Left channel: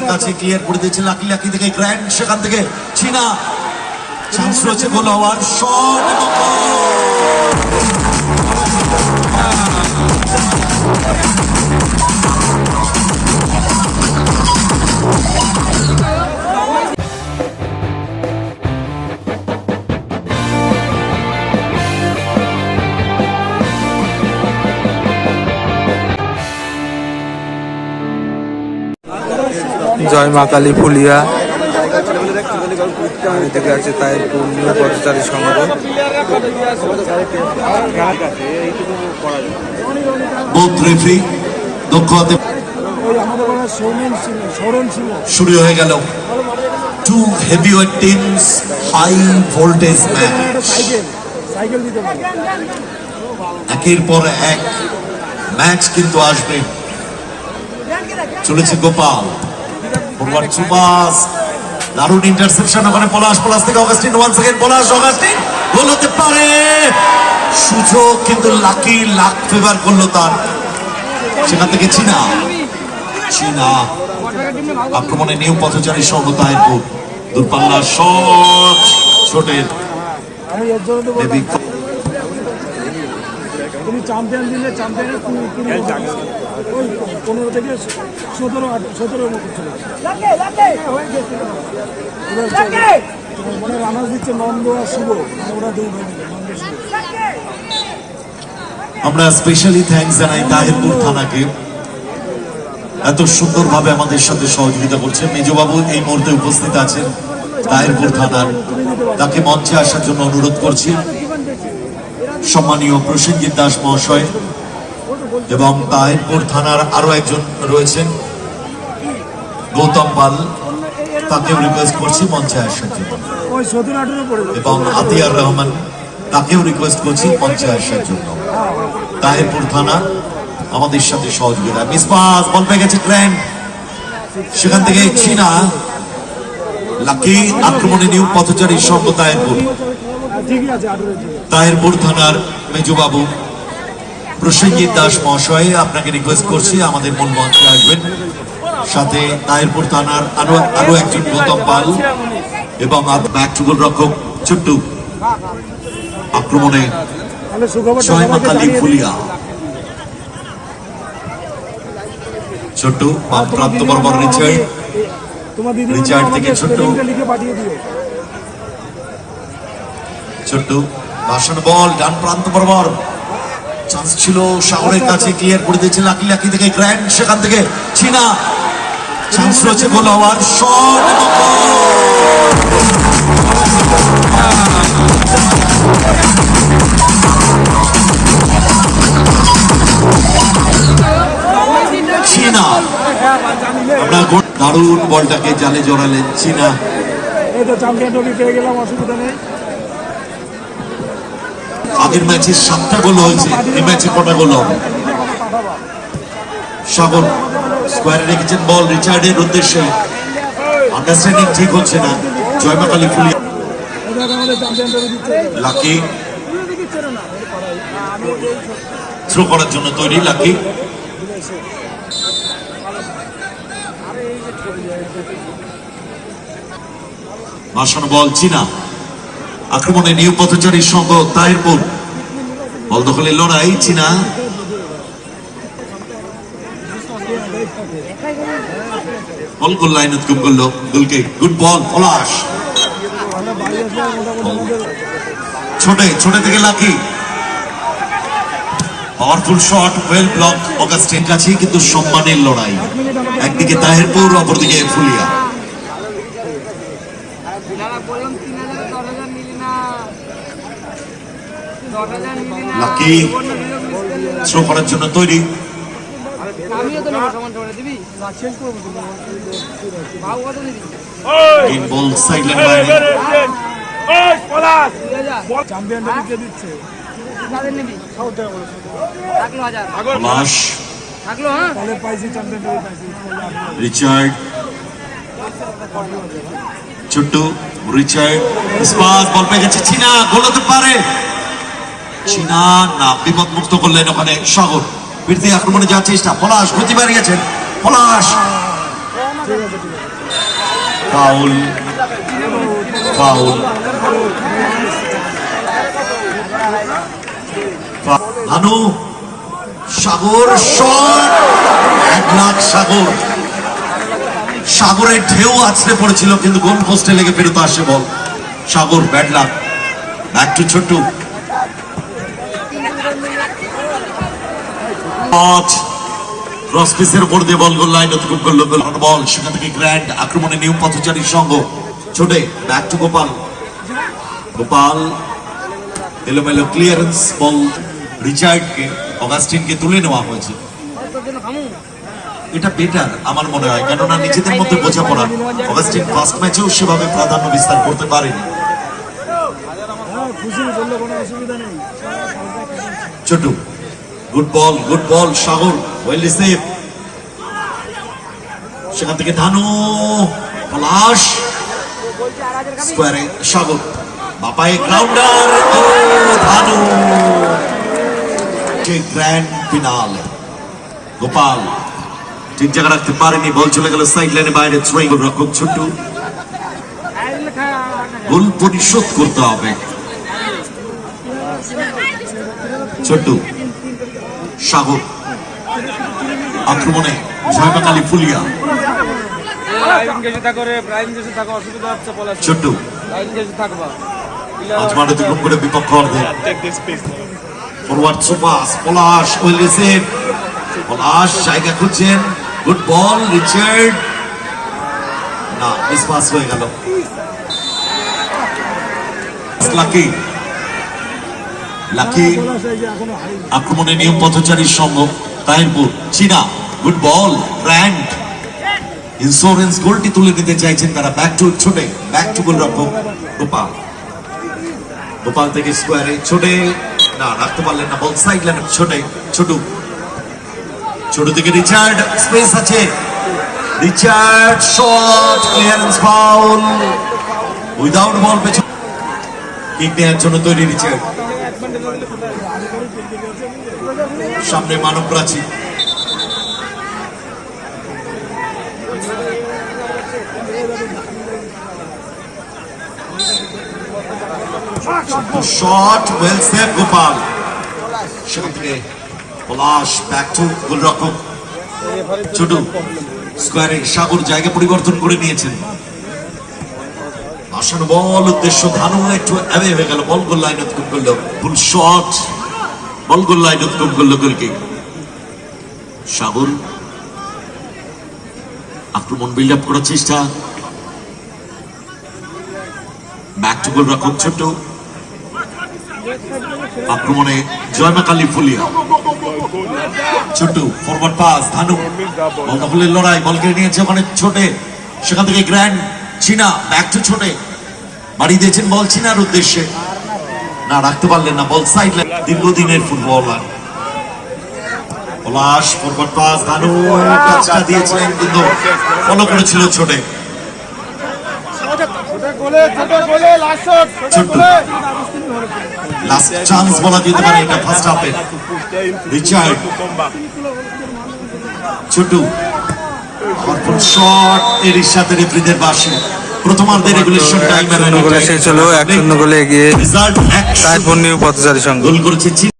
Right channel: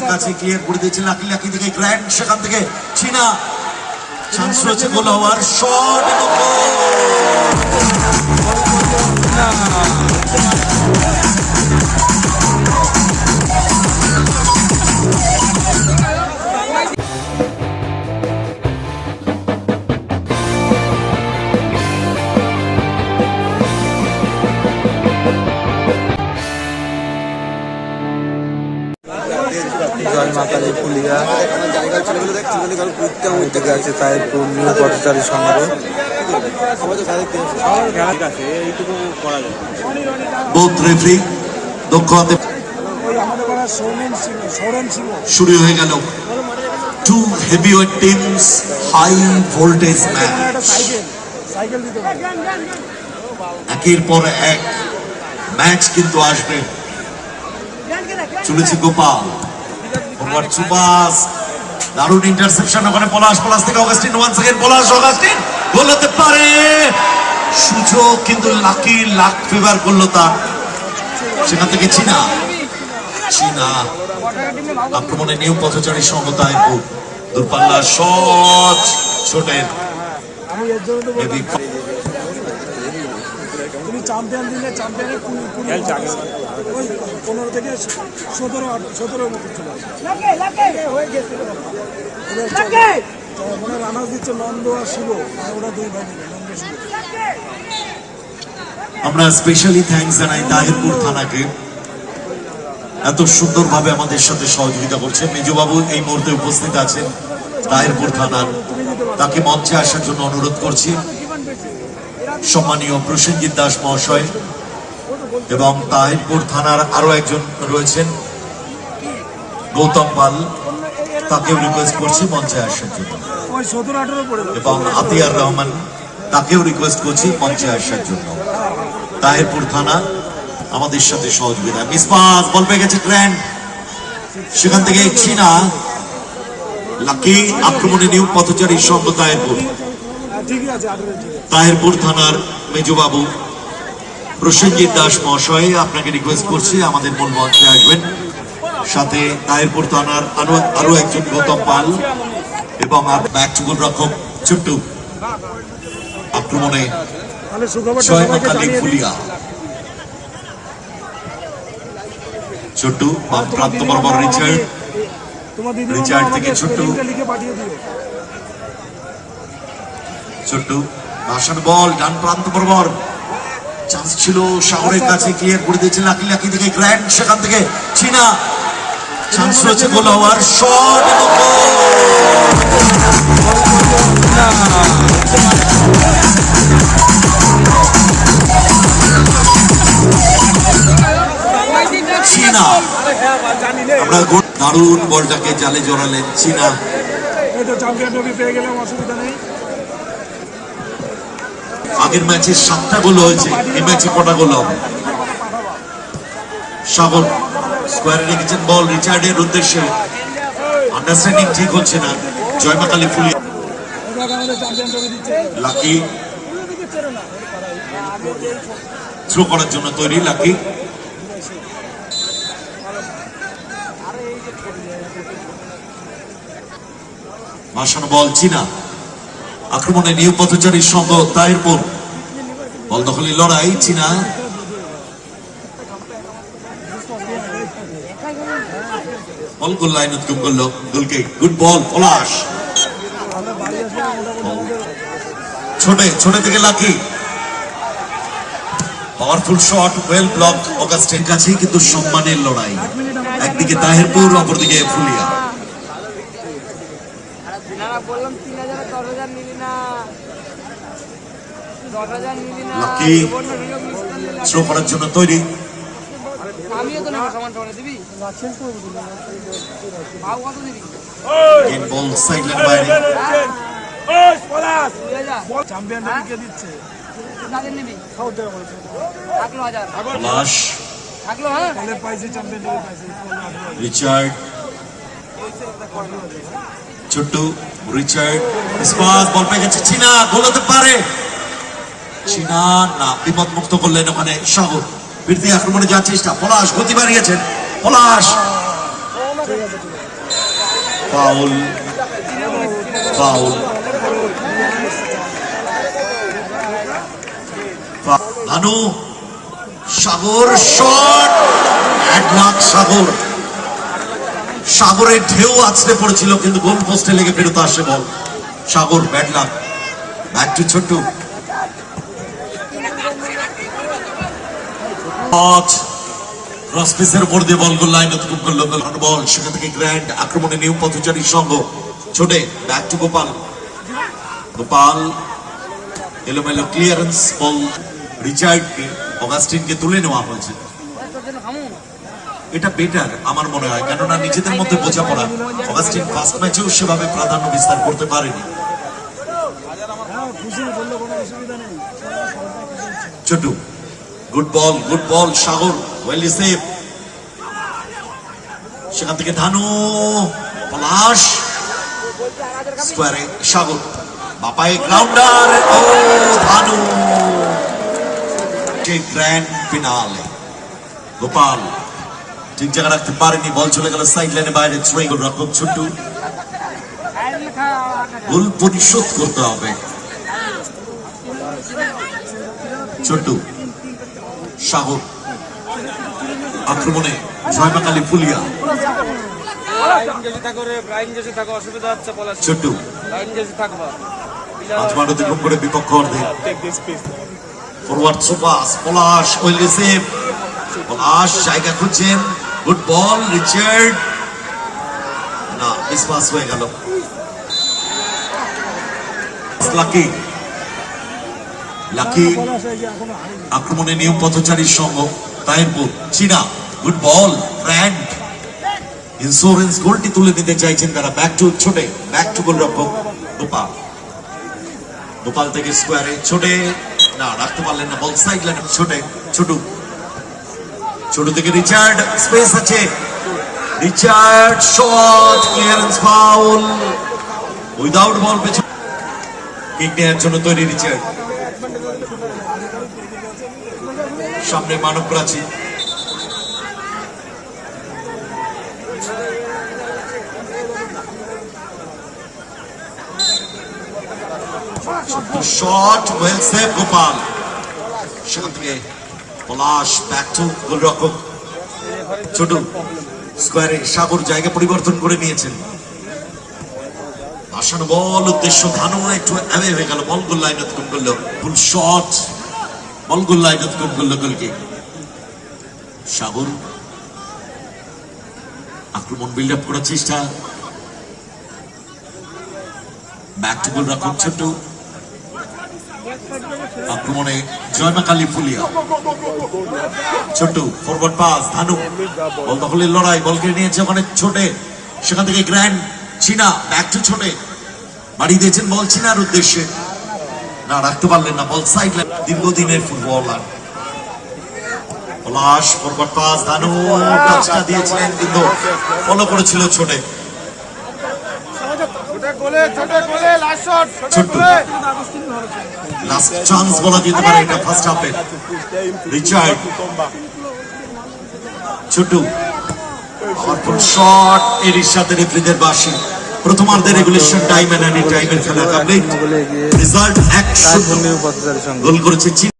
কাছে ক্লিয়ার করে দিয়েছেন লাকি লাকি থেকে গ্র্যান্ড সেখান থেকে। চীনা চান্স রয়েছে গোল হওয়ার। শট জয় মা কালী ফুলিয়া। আর এদিকে আছে তাইপুর নিউ পথচারী সংঘ। দক্ষ হাতে শুরু হয়ে গেল। Two heavyweight teams high voltage match একের পর এক ম্যাচ কিন্তু আসবে। চলেছে গোপাল। ফরওয়ার্ড সুপাস দারুণ ইন্টারসেপশন ওখানে পলাশ পলাশ থেকে Augustine one second Palash, Augustine, goal হতে পারে। সুযোগ কিন্তু লাকি লাক ফেভার করল তার। সেখান থেকে চীনা। চীনা আক্রমণে নিউ পথচারী সমতায় দূরপাল্লা শট ছোটের তুমি চ্যাম্পিয়ন দিলে চ্যাম্পিয়নের কুড়ি কুড়ি ওই পনেরো থেকে সতেরো সতেরোর মতো ছিল। এবার চলো। মানে দিচ্ছে নন্দ আর শুভ। ওরা দুই ভাই মিলে নন্দ শুভ। আমরা স্পেশালি থ্যাঙ্কস জানাই তাহিরপুর থানাকে। এত সুন্দরভাবে আমাদের সাথে সহযোগিতা করছে। মেজবাবু এই মুহূর্তে উপস্থিত আছেন তাহিরপুর থানার। তাকে মঞ্চে আসার জন্য অনুরোধ করছি। সম্মানীয় প্রসেনজিৎ দাস মহাশয় এবং তাহিরপুর থানার আরও একজন রয়েছেন, গৌতম পাল। তাকেও রিকোয়েস্ট করছি মঞ্চে আসার জন্য। এবং আতিয়ার রহমান তাকেও রিকোয়েস্ট করছি মঞ্চে আসার জন্য। তাহিরপুর থানা, আমাদের সাথে সহযোগিতা। মিসপাস বল পেয়ে গেছে গ্র্যান্ড সেখান থেকে চীনা লাকি, আক্রমণে নিয়োগ পথচারী সঙ্গ তাহিরপুর। তাহিরপুর থানার মেজবাবু প্রসেনজিৎ দাস মহাশয় আপনাকে রিকোয়েস্ট করছি আমাদের মূল মঞ্চে আসবেন সাথে তাহিরপুর থানার আরও আরও একজন গৌতম পাল এবং ব্যাক টু গোলরক্ষক ছোট্টু। আক্রমণে ফুলিয়া। ছোট্টু প্রাপ্ত বর্মন রিচার্ড। রিচার্ড থেকে ছোট্ট। লিখে পাঠিয়ে দিও। ছোট্টু। ভাষণ বল, ডান প্রান্ত বরাবর। চান্স ছিল সাগরের কাছে ক্লিয়ার করে দিয়েছেন লাকি লাকি থেকে গ্র্যান্ড সেখান থেকে চীনা চান্স রয়েছে গোল হওয়ার শট চীনা আমরা দারুণ বলটাকে জালে জড়ালেন চীনা তো চ্যাম্পিয়ন ট্রফি পেয়ে গেলাম, অসুবিধা নেই। আগের ম্যাচে সাতটা গোল হয়েছে, এই ম্যাচে কটা গোল হবে? সাগর স্কোয়ারে রেখেছেন বল, রিচার্ডের উদ্দেশ্যে। আন্ডারস্ট্যান্ডিং ঠিক হচ্ছে না জয়মাকালী ফুলি এটা আমাদের চ্যাম্পিয়ন ট্রফি দিচ্ছে লাকি। থ্রো করার জন্য তৈরি লাকি। ভাসানো বল, চীনা। আক্রমণে নিউ পথচারী সংঘ তাহিরপুর। বল দখলের লড়াই, চীনা। বল গোল লাইন উৎকম করল। গোলকে গুড বল, পলাশ। ছোটে ছোটে থেকে Lucky. Powerful shot, well block অগাস্টের কাছে কিন্তু সম্মানের লড়াই। একদিকে তাহিরপুর, অপরদিকে ফুলিয়া না না বললাম তিন হাজার দশ হাজার নিলি না দশ হাজার নিলি না Lucky. সুবর্ণ বিলোক মিস্টার নিলাম। থ্রো করার জন্য তৈরি আমিও তো নেব সমান সমানে দিবি ভাও কত নিবি তিন বল সাইড লাইন বাইরে হ্যাঁ? দুই হাজার চ্যাম্পিয়ন ট্রফি কে দিচ্ছে কাদের নিবি থাকল হাজার। পলাশ থাকল হ্যাঁ? তাহলে পাইছি চ্যাম্পিয়ন ট্রফি পাইছি। রিচার্ড। ছোট্টু রিচার্ড। বল পেয়ে গেছে চীনা গোল হতে পারে। চীনা না বিপদ মুক্ত করলেন ওখানে সাগর। ফিরতি আক্রমণে যাওয়ার চেষ্টা। পলাশ, গতি বাড়িয়েছেন। Palash! Foul foul. Bhanu, Sagar, shot! এক লাখ সাগর। সাগরের ঢেউ আছড়ে পড়েছিল, কিন্তু গোল পোস্টে লেগে ফেরত আসে ball. Sagar bad luck back to Chhottu. Cross পিসের উপর সেখান থেকে গ্র্যান্ড আক্রমণে নিউ সঙ্গ। Back to Gopal. গোপাল, এলোমেলো ক্লিয়ারেন্স রিচার্ডকে তুলে নেওয়া হয়েছে। এটা বেটার আমার মনে হয়, কেননা নিজেদের মধ্যে বোঝাপড়া। ফার্স্ট ম্যাচেও সেভাবে প্রাধান্য বিস্তার করতে পারেনি। Chhotu good ball good ball Sagar well receive সেখান থেকে ধানু, পলাশ স্কোয়ারে সাগর বাপাই গ্রাউন্ডার ও ধানু। যে গ্র্যান্ড ফিনালে গোপাল ঠিক জায়গা রাখতে পারেনি, বল চলে গেল সাইড লাইনে বাইরে থ্রোয়িং রকম ছোট্টু। ভুল পরিশোধ করতে হবে। ছোট্টু। সাগর। আক্রমণে জয়মাকালী ফুলিয়া পলাশ জায়গা গুড বল হয়ে গেল। লাকি। লাকি, আক্রমণে নিয়ম পথচারীর সঙ্গ তাহিরপুর চীনা গুড বল ব্র্যান্ড ইন্স্যুরেন্স গোলটি তুলে নিতে চাইছেন তারা। Back to Chhote back to goal রক্ষক গোপাল। গোপাল থেকে স্কোয়ারে ছোটে। না, রাখতে পারলেন না। বল সাইড লাইনে ছোটে, ছোটু। ছোট থেকে রিচার্ড স্পেস আছে। Richard shot clearance foul without ball পেছন। কিক নেওয়ার জন্য তৈরি রিচার্ড সামনে মানব প্রাচীর শট ওয়েল সেভ গোপাল সেখান থেকে পলাশ ব্যাক টু গোলরক্ষক ছোট স্কোয়ারে সাগর জায়গা পরিবর্তন করে নিয়েছেন। আসানো, বল উদ্দেশ্য ধানু একটু অ্যাওয়ে হয়ে গেল। বল গোল লাইন অতিক্রম করল। ফুল শট। বল গোল লাইন অতিক্রম করল গোলকে। সাগর। আক্রমণ বিল্ড আপ করার চেষ্টা। ব্যাক টু গোল রক্ষক ছোট্ট। আক্রমণে জয়মাকালী ফুলিয়া। ছোট্ট ফরওয়ার্ড পাস ধানু বল দখলের লড়াই, বলকে নিয়েছে ওখানে ছোটে। সেখান থেকে গ্র্যান্ড চীনা ব্যাক টু ছোটে। বাড়ি দিয়েছেন বল চীনার উদ্দেশ্যে। না, রাখতে পারলেন না, বল সাইড দীর্ঘদিনের ফুটবলার। পলাশ ধানু টাচটা দিয়েছিলেন কিন্তু ফলো করেছিল ছোটে। ছোট্ট। শট এর সাথে রেফারিদের বাসে প্রথমার্ধের রেগুলেশন টাইম গোলে শেষ হলো এক শূন্য গোলে এগিয়ে রেজাল্ট এক তারপর নিউ পথচারী সঙ্গ গোল করেছে